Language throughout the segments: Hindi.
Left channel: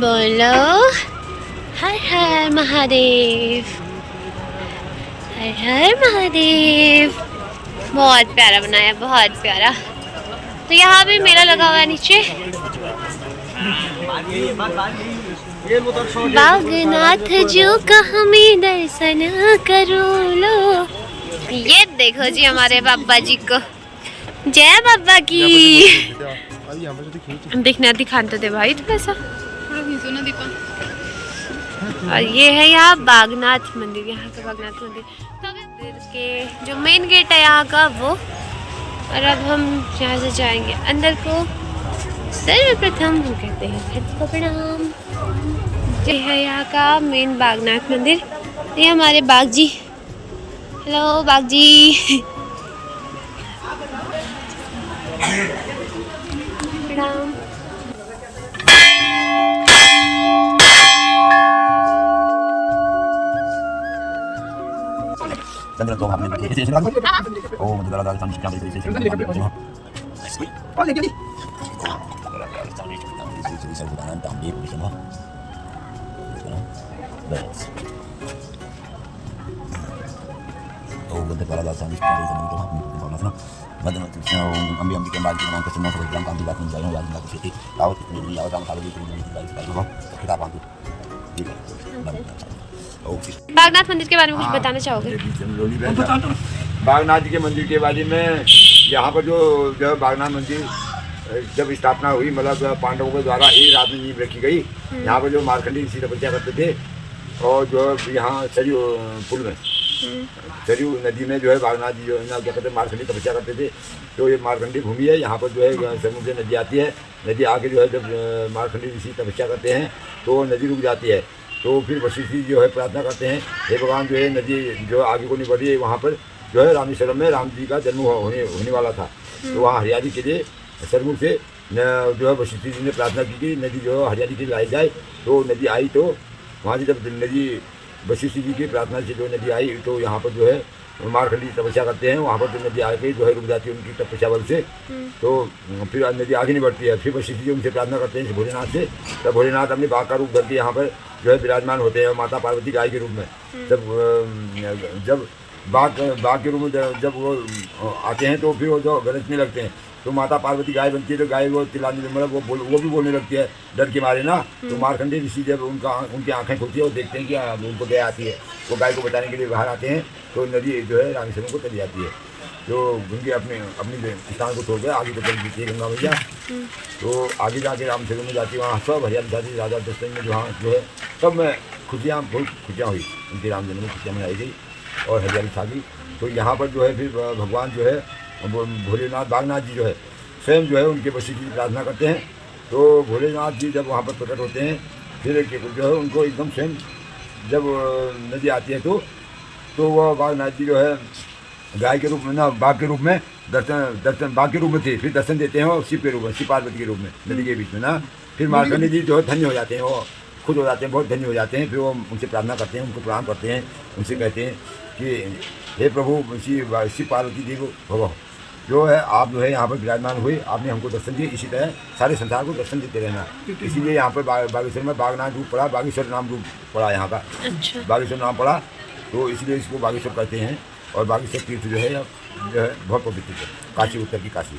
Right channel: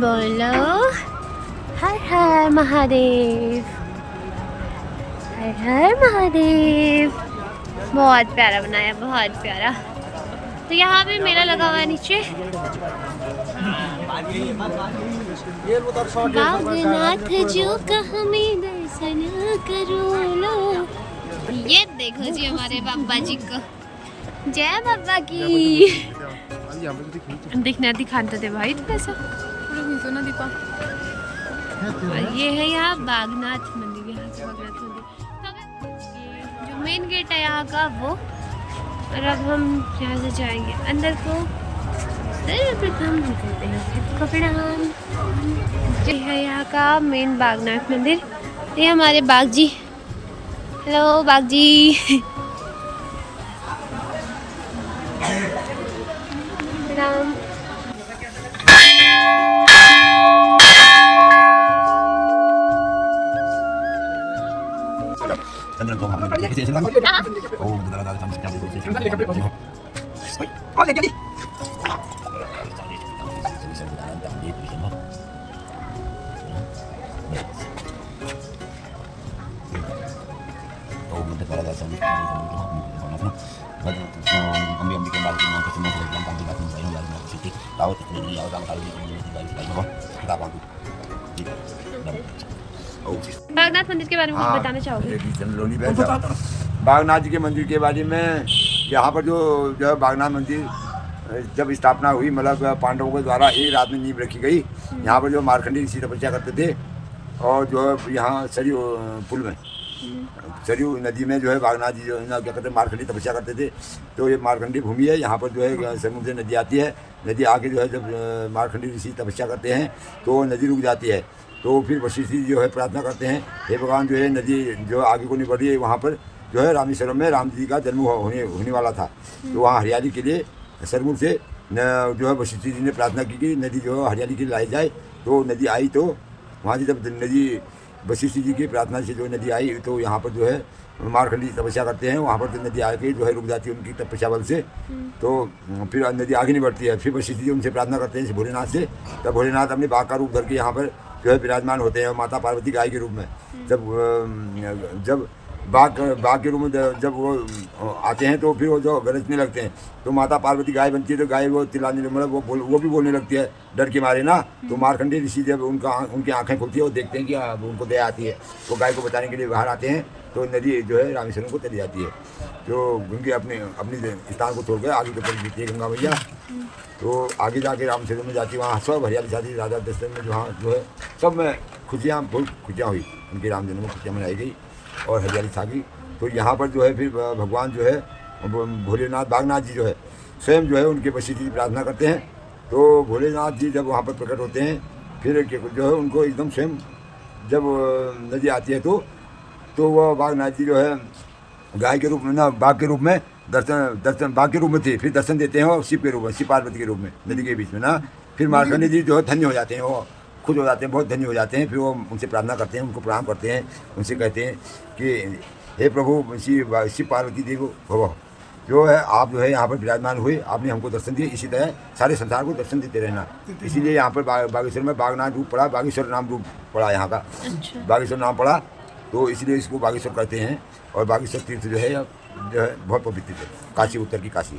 बोलो हर हर महादेव, हर हर महादेव। बहुत प्यारा बनाया, बहुत प्यारा। तो यहाँ भी मेला लगा हुआ है नीचे। बागनाथ जो का हमें दर्शन करो लो। ये देखो जी हमारे बाबा जी को, जय बाबा की। दिखना दिखाते थे भाई थोड़ा सा। और ये है यहाँ बागनाथ मंदिर, यहाँ का बागनाथ मंदिर के जो मेन गेट है यहाँ का वो। और अब हम यहाँ से जाएंगे अंदर को। सर्वप्रथम हम कहते हैं खत को प्रणाम। ये है यहाँ का मेन बागनाथ मंदिर। ये हमारे बाग जी, हेलो बाग जी। प्रणाम। चंद्र को हमने देखिए जैसे ओ मुझे लगा था कि क्या बोलते हैं कौन ले गई ओ मुझे लगा था कि क्या बोलते हैं अम्बी अम्बी के बाद के नाम पे सुनना तो एकदम काम की बात नहीं जाएगा यार ना किसी लाओ कितने लाओ काम खाली की किताब आंदू बागनाथ मंदिर के बारे में कुछ बताना चाहोगे? बागनाथ जी के मंदिर के बारे में यहाँ पर जो है बागनाथ मंदिर जब स्थापना हुई, मतलब पांडवों के द्वारा एक रात में नींव रखी गई। यहाँ पर जो मार्कंडेय ऋषि तपस्या करते थे और जो है यहाँ सरयू पुल में सरयू नदी में जो है बागनाथ जी जो है ना क्या कहते हैं मार्कंडेय तपस्या करते थे। तो ये मार्कंडेय भूमि है, यहाँ पर जो है समुद्र से नदी आती है। नदी आके जो है जब मार्कंडेय ऋषि तपस्या करते हैं तो नदी रुक जाती है। तो फिर वशिष्ठ जी जो है प्रार्थना करते हैं, हे भगवान जो है नदी जो आगे को नहीं बढ़ रही है, वहाँ पर जो है रामेश्वरम में राम जी का जन्म होने वाला था। तो वहाँ हरियाली के लिए सरमुख से जो है वशिष्ठ जी ने प्रार्थना की कि नदी जो है हरियाली के लिए लाई जाए। तो नदी आई, तो वहाँ से जब नदी वशिष्ठ जी की प्रार्थना से जो नदी आई तो यहाँ पर जो है मार्कंडेय तपस्या करते हैं। वहाँ पर जो नदी आके जो है रुक जाती है उनकी तपस्या बल से। तो फिर नदी आगे नहीं बढ़ती है। फिर वशिष्ठ जी उनसे प्रार्थना करते हैं भोलेनाथ से। तब भोलेनाथ अपने बाघ का रूप धर के यहाँ पर जो है विराजमान होते हैं माता पार्वती गाय के रूप में। जब बाघ के रूप में जब वो आते हैं तो फिर वो जो गरजने लगते हैं तो माता पार्वती गाय बनती है। तो गाय वो चिल्लाने मतलब वो भी बोलने लगती है डर के मारे ना। तो मार्कंडेय ऋषि जब उनकी आंखें खुलती है वो देखते हैं कि उनको दया आती है, वो गाय को बचाने के लिए बाहर आते हैं। तो नदी जो है रामेश्वरम को चली जाती है। तो उनके अपनी स्थान को छोड़ कर आगे को चली जाती है गंगा मैया। तो आगे जाके रामेश्वरम में जाती है, वहाँ सब हरियाली जाती राजा दशरथ में जहाँ जो है सब में खुशियाँ बहुत खुशियाँ हुई। उनके राम जन्म में खुशियाँ मनाई गई और हरियाली छा गई। तो यहाँ पर जो है फिर भगवान जो है भोलेनाथ बागनाथ जी जो है स्वयं जो है उनके वशिष्ठ जी प्रार्थना करते हैं। तो भोलेनाथ जी जब वहाँ पर प्रकट होते हैं फिर जो है उनको एकदम स्वयं जब नदी आती है तो वह बागनाथ जी जो है गाय के रूप में ना बाघ के रूप में दर्शन बाघ के रूप में थे, फिर दर्शन देते हैं और शिव के रूप में, शिव पार्वती के रूप में नदी के बीच में ना। फिर मार्कंडेय जी जो है धन्य हो जाते हैं, वो खुद हो जाते हैं, बहुत धन्य हो जाते हैं। फिर वो उनसे प्रार्थना करते हैं, उनको प्रणाम करते हैं, उनसे कहते हैं कि हे प्रभु शिव पार्वती देव भव जो है आप जो है यहाँ पर विराजमान हुए, आपने हमको दर्शन दिए, इसी तरह सारे संसार को दर्शन देते रहना। इसीलिए यहाँ पर बागेश्वर में बागनाथ रूप पड़ा, बागेश्वर नाम रूप पड़ा यहाँ का। बागेश्वर नाम पड़ा तो इसलिए इसको बागेश्वर कहते हैं। और बागेश्वर तीर्थ जो है बहुत पवित्र है, काशी उत्तर की काशी।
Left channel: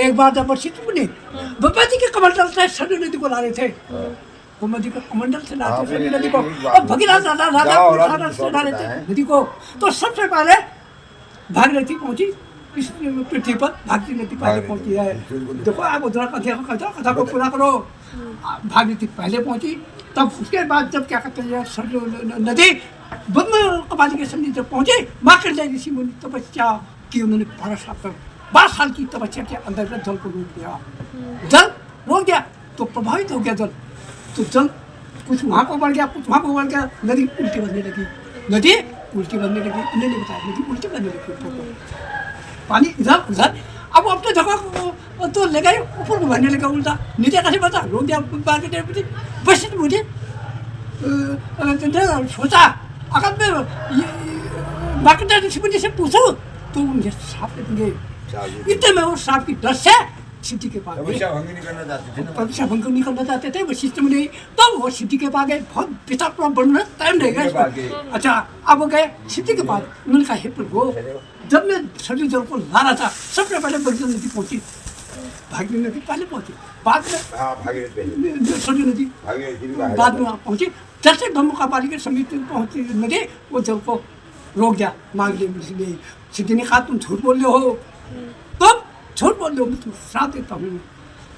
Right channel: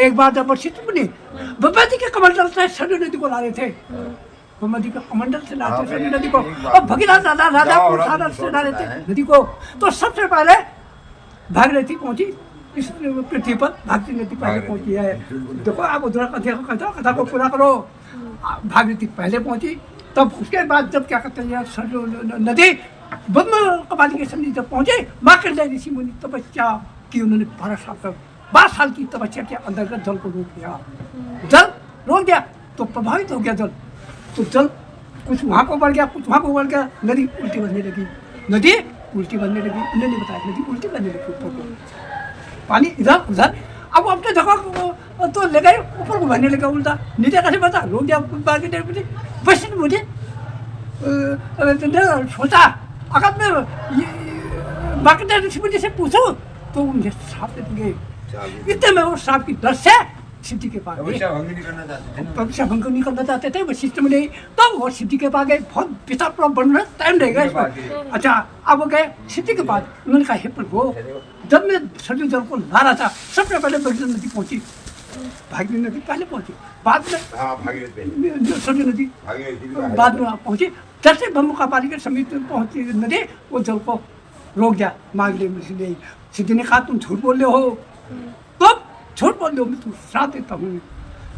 एक बार जब वर्षित बनी बब्बा जी के कमंडल से सरयू नदी को ला रहे थे, बब्बा जी के कमंडल से लाते सरयू नदी को, और भगीरथ राजा पुरुषार्थ से ला रहे थे नदी को। तो सबसे पहले भागीरथी पहुंची इस पृथ्वी पर, भागीरथी नदी पहले पहुंची है। देखो आप उधर कथा को पूरा करो। भागीरथी पहले पहुंची, तब उसके बाद जब क्या कहते हैं सरयू नदी ब्रह्म कपाली के सामने जब पहुंचे, मार्कंडेय ऋषि मुनि तपस्या की, उन्होंने 12 साल की तपस्या के अंतर्गत जल को रोक दिया। जल रोक दिया तो प्रभावित हो गया जल। तो जल कुछ वहाँ को बढ़ गया, कुछ वहाँ को बढ़ गया, नदी उल्टी बनने लगी। उन्होंने नहीं बताया, नदी उल्टी बनने लगी। ऊपर को पानी इधर उधर, अब अपने जगह तो ले गए, ऊपर को बहने लगा उल्टा, नीचे कैसे बता रोक दिया। वशिष्ठ मुझे सोचा अगर मैं मार्कंडेय ऋषि मुनि से पूछूं तो मुझे श्राप देंगे। इतने में वो श्राप की डर से सिद्धि के पास गए। भविष्य भंग नहीं करना चाहते थे ना। भविष्य भंग नहीं करना चाहते थे, वशिष्ठ मुनि, तो वो सिद्धि के पास गए। बहुत पिता पुरा बनने में टाइम रहेगा इस पर। अच्छा, अब वो गए सिद्धि के पास। उन्होंने कहा, हे प्रभु, जब मैं सरयू जल को ला रहा था, सबसे पहले भागीरथी नदी पहुंची। भागीरथी नदी पहले पहुंची, बाद में हाँ, भागीरथ पहले। सरयू नदी भागीरथी भी बाद में वहाँ पहुंची। जैसे ब्रह्म का पानी के समीप में पहुंची नदी, वो जल को रोक दिया। मांग ले मुझसे। सिद्धि ने कहा, तुम झूठ बोल रहे हो। तुम झूठ बोल रहे हो, मैं तुम श्राप देता हूँ।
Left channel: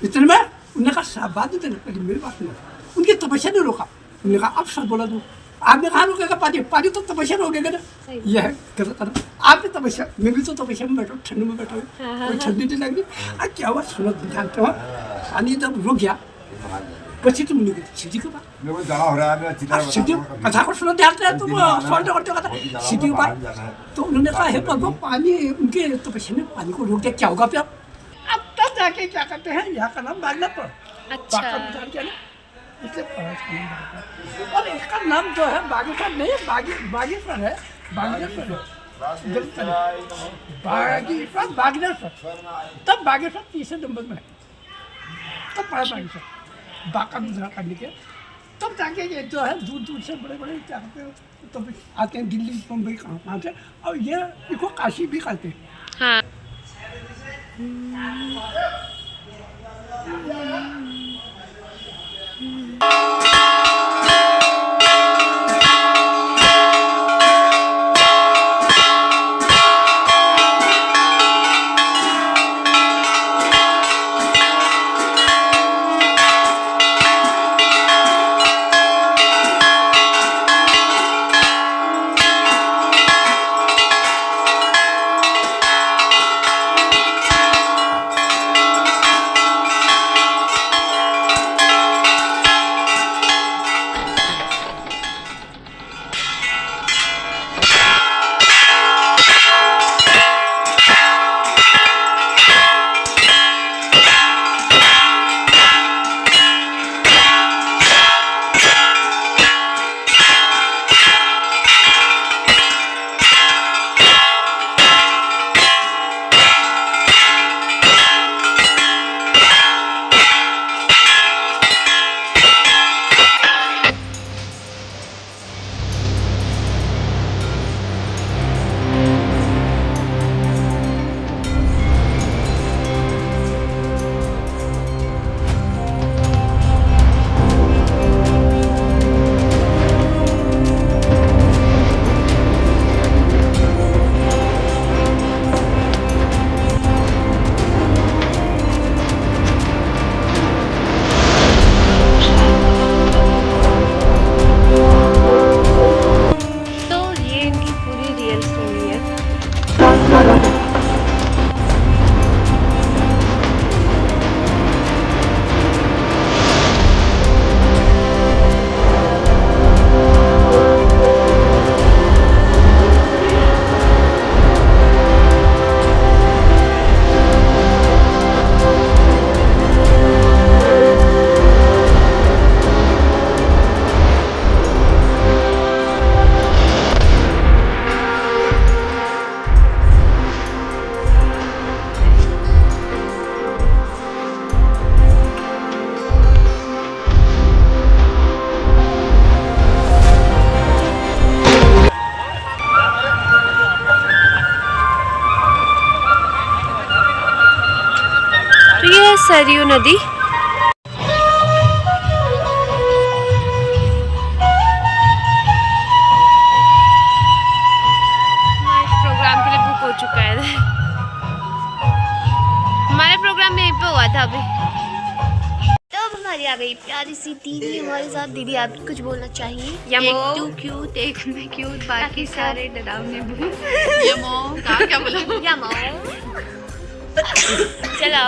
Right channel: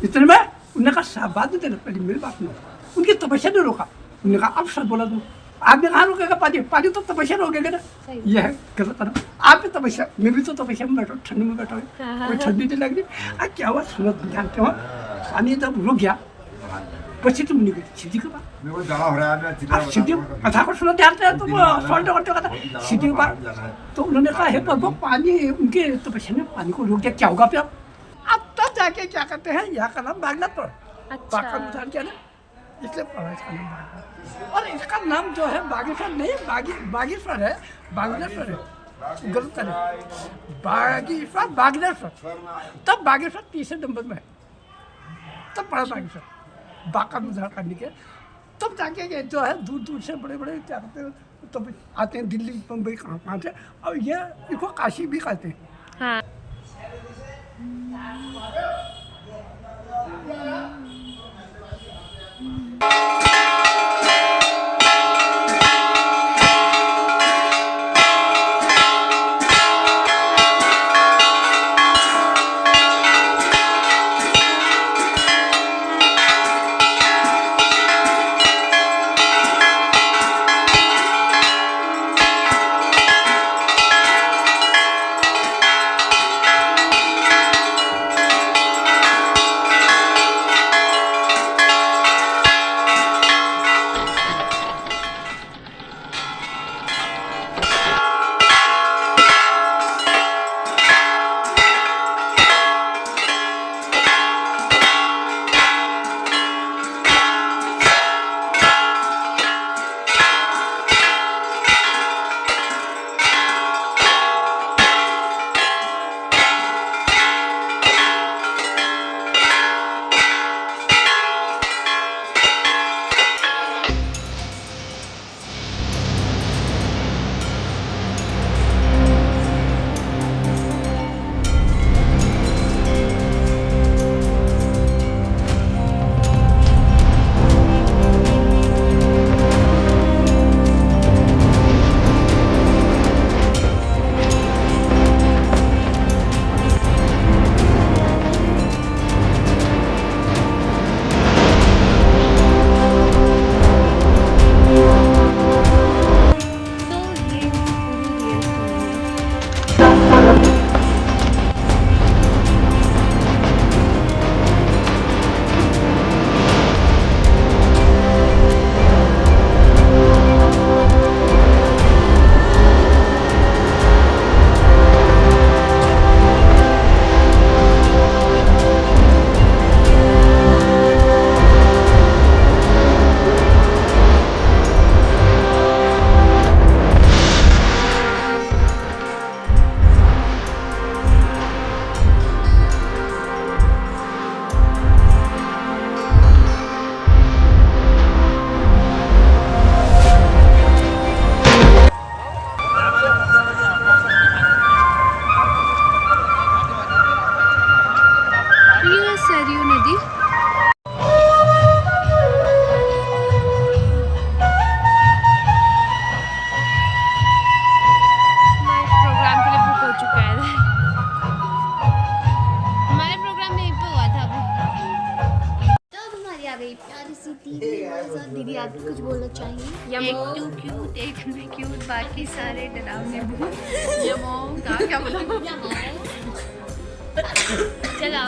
इतने में उन्होंने कहा, श्राप बाद में देना, पहले मेरी बात सुनो। उनकी तपस्या ने रोका। उन्होंने कहा, अब सच बोला तुम। आपने कहा रोकेगा पानी, पानी तो तपस्या रोकेगा ना। यह है गलत है। आप भी तपस्या, मैं भी तो तपस्या में बैठा, ठंड में बैठा हूँ, कोई ठंडी नहीं लग रही। क्या हुआ सुनो, जानते हो, पानी जब रुक गया, वशिष्ठ मुनि गए सिद्धि के पास। मेरे को जमा हो रहा है। अब सिद्धि कथा को सुनो, ध्यान से तुम सॉल्व करते हो कथा। सिद्धि के पास तो उन्होंने कहा, हे प्रभु, पानी उनके तपस्या ने पानी को रोक दिया, क्या होगा फिर? अब तब जाके क्या करते हैं, यहाँ का नाम बागनाथ पर। अच्छा। उदाहरण क्या ना, इसलिए पढ़ा इसका नाम बागनाथ। और इसका नाम जो है बागेश्वर नहीं, बागेश्वर है, बागेश्वर है, गलत है। बागेश्वर, बागेश्वर, तब बागेश्वर तीसरे नंबर में है, तब पढ़ा बागेश्वर बाका उद्धार करने के। तब जाके ये जो है दूर दूर से बड़े बड़े क्या कहते हैं, तब आते हैं, दिल्ली बम्बई कहाँ से, और ये इसको काशी भी कहते हैं। हाँ। तो ये है सरयू नदी। हमारे प्रोग्राम के लिए बुक हो चुका है। हमारा प्रोग्राम यहीं पे हुआ था अभी। तो अब हमारी आ गई प्यारी सी दीदी हमारे साथ। दीदी आप भी कुछ बोलना चाहिए? एक टू क्यूट, एक में क्यूट, बाकी सारे डरावने भूत। क्या बोला? यमो। चलो,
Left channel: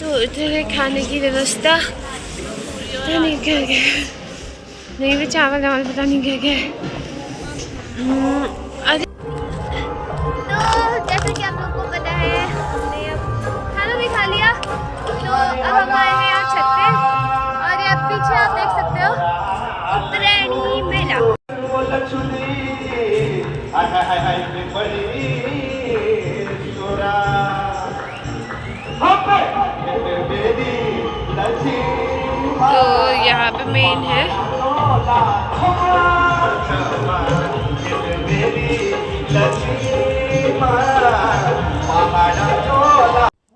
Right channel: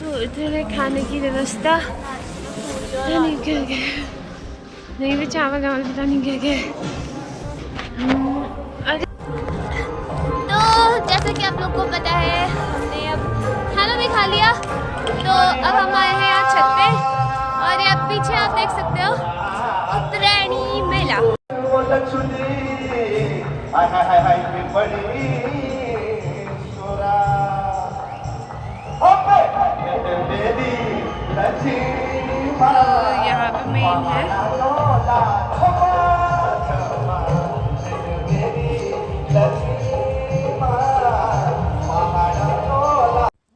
तो इधर है खाने की व्यवस्था। पता नहीं क्या क्या, नहीं भी चावल वावल पता नहीं क्या क्या। अरे तो जैसा कि आप लोग को पता है, हमने अब खाना भी खा लिया। तो अब हम आए हैं यहाँ छत पे, और ये अब पीछे आप देख सकते हो उत्तरायणी मेला। मेन है।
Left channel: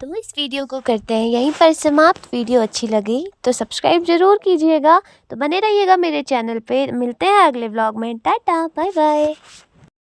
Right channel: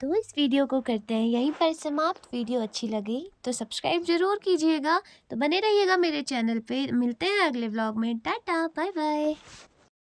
तो इस वीडियो को करते हैं यहीं पर समाप्त। वीडियो अच्छी लगी तो सब्सक्राइब ज़रूर कीजिएगा। तो बने रहिएगा मेरे चैनल पे। मिलते हैं अगले व्लॉग में। Tata bye bye.